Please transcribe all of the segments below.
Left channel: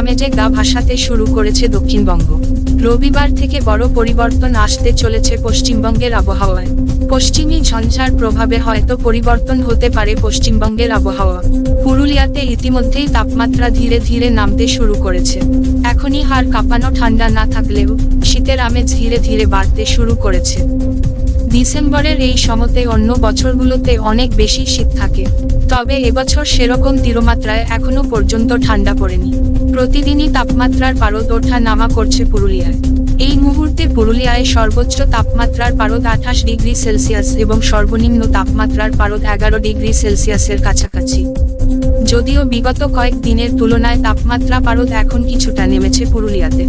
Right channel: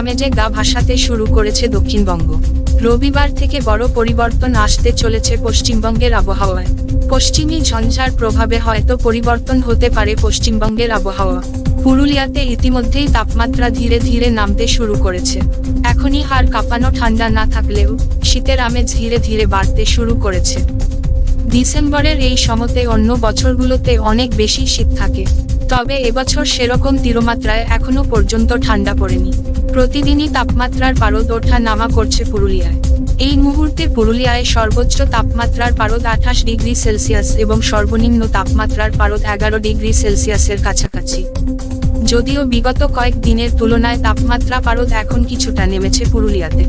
আমেজে গা ভাসাতে শুরু করেছে দক্ষিণবঙ্গ। রবিবার থেকে বড় পরিবর্তন আসতে চলেছে পশ্চিমবঙ্গের আবহাওয়ায়। পশ্চিমী ঝঞ্ঝার প্রভাবে হয়তো পরিবর্তন হতে পারে পশ্চিমবঙ্গের আবহাওয়া। পুরুলিয়াতে ইতিমধ্যেই তাপমাত্রা ধীরে ধীরে নামতে শুরু করেছে। এখনই হাড় কাঁপানো ঠান্ডা না থাকলেও শীতের আমেজ ধীরে ধীরে বাড়তে শুরু করেছে। ডিসেম্বরের এই সময়তে অন্য বছরগুলোতে অনেক বেশি শীত থাকে, তবে এবছর সেরকম তীরমাত্রায় এখনো পর্যন্ত ঠান্ডা পড়েনি। প্রতিদিনই তাপমাত্রার পারদ ওঠা নামা করছে পুরুলিয়ায়। এই মুহূর্তে পুরুলিয়ায় সর্বোচ্চ তাপমাত্রার পারদ 28 ডিগ্রি সেলসিয়াস এবং সর্বনিম্ন তাপমাত্রার পারদ 11 ডিগ্রি সেলসিয়াসের কাছাকাছি। যদিও বিগত কয়েক দিনের তুলনায় তাপমাত্রা পারদ এখন কিছুটা নেমেছে পুরুলিয়াতে।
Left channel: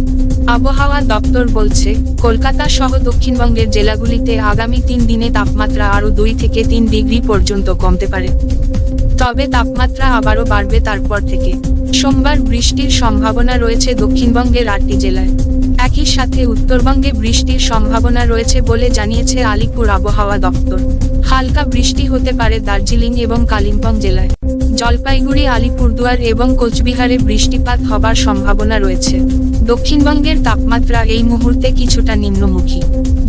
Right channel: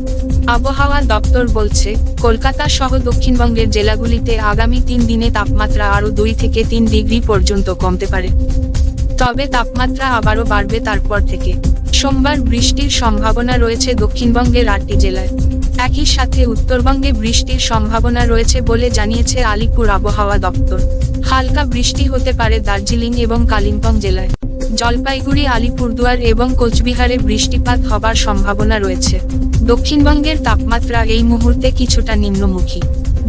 আবহাওয়া দপ্তর বলছে, কলকাতা সহ দক্ষিণবঙ্গের জেলাগুলিতে আগামী 3 দিনে তাপমাত্রা আরও 2 থেকে 3 ডিগ্রি পর্যন্ত কমতে পারে। তবে তাপমাত্রা আবারও বাড়বে তারপর থেকে। সোমবার বৃষ্টির সম্ভাবনা রয়েছে দক্ষিণবঙ্গের 8টি জেলায়। একই সাথে উত্তরবঙ্গে বৃষ্টির সম্ভাবনা রয়েছে বলে জানিয়েছে আলিপুর আবহাওয়া দপ্তর। হালকা বৃষ্টি হতে পারে দার্জিলিং এবং কালিম্পং জেলায়। জলপাইগুড়ি, আলিপুরদুয়ার এবং কোচবিহারে বৃষ্টিপাত হবার সম্ভাবনা রয়েছে। দক্ষিণবঙ্গের তাপমাত্রা এই মুহূর্তে কিছুটা নিম্নমুখী।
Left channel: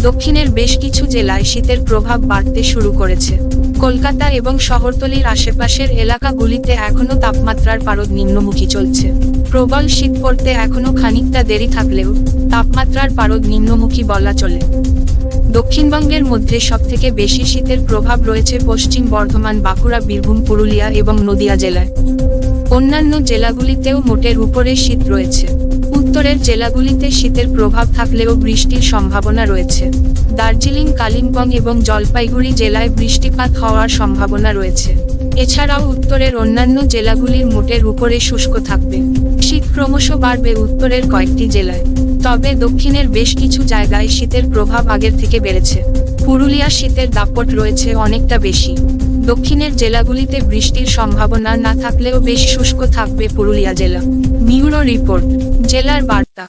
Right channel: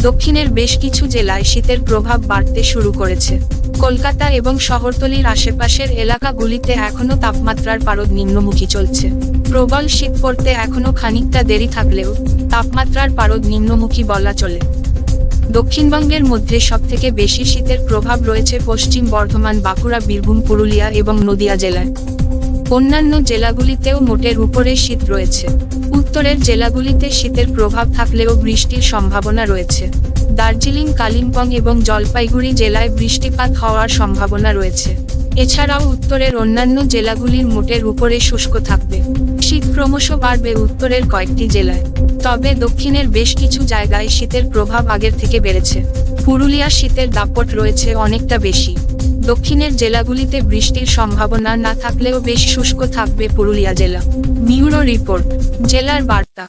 দক্ষিণের বেশ কিছু জেলায় শীতের প্রভাব বাড়তে শুরু করেছে। কলকাতা এবং শহরতলির আশেপাশের এলাকাগুলিতে এখনো তাপমাত্রার পারদ নিম্নমুখী চলছে। প্রবল শীত পড়তে এখনো খানিকটা দেরি থাকলেও তাপমাত্রার পারদ নিম্নমুখী বলা চলে। দক্ষিণবঙ্গের মধ্যে সবথেকে বেশি শীতের প্রভাব রয়েছে পশ্চিম বর্ধমান, বাঁকুড়া, বীরভূম, পুরুলিয়া এবং নদিয়া জেলায়। অন্যান্য জেলাগুলিতেও মোটের উপরে শীত রয়েছে। উত্তরের জেলাগুলিতে শীতের প্রভাব থাকলেও বৃষ্টির সম্ভাবনা রয়েছে। দার্জিলিং, কালিম্পং এবং জলপাইগুড়ি জেলায় বৃষ্টিপাত হওয়ার সম্ভাবনা রয়েছে। এছাড়াও উত্তরের অন্যান্য জেলাগুলির মোটের উপরে শুষ্ক থাকবে। শীত ক্রমশ বাড়বে উত্তরের কয়েকটি জেলায়, তবে দক্ষিণের বেশ কিছু জায়গায় শীতের প্রভাব আগের থেকে বেড়েছে। পুরুলিয়া শীতের দাপট রয়েছে অনেকটা বেশি। দক্ষিণের জেলাগুলিতে বৃষ্টির সম্ভাবনা না থাকলেও বেশ শুষ্ক থাকবে পুরুলিয়া জেলা। ব্যুরো রিপোর্ট, জেলার বার্তা।